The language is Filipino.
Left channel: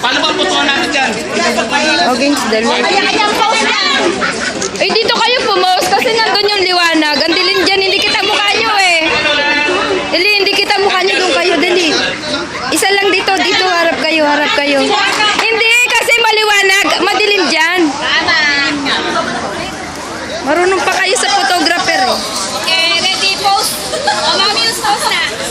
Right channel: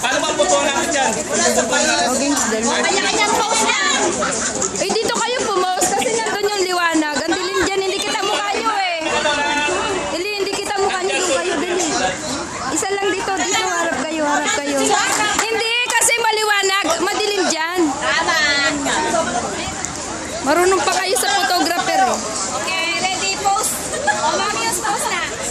Paano ba butuan natin dyan? Okay, dalawa. Kanya-kanyang post yan. Eh, dito kayo pumost kasi nandun yung liwanag. Ang dilim dyan, hindi kita mukha nyo eh. Dali, hindi kita mukha nyo, doon kayo, dali. Isa lang dito, harap kayo, harap kayo. Hindi, kasi maliwanag, madilim dyan. Marunong pa kayo.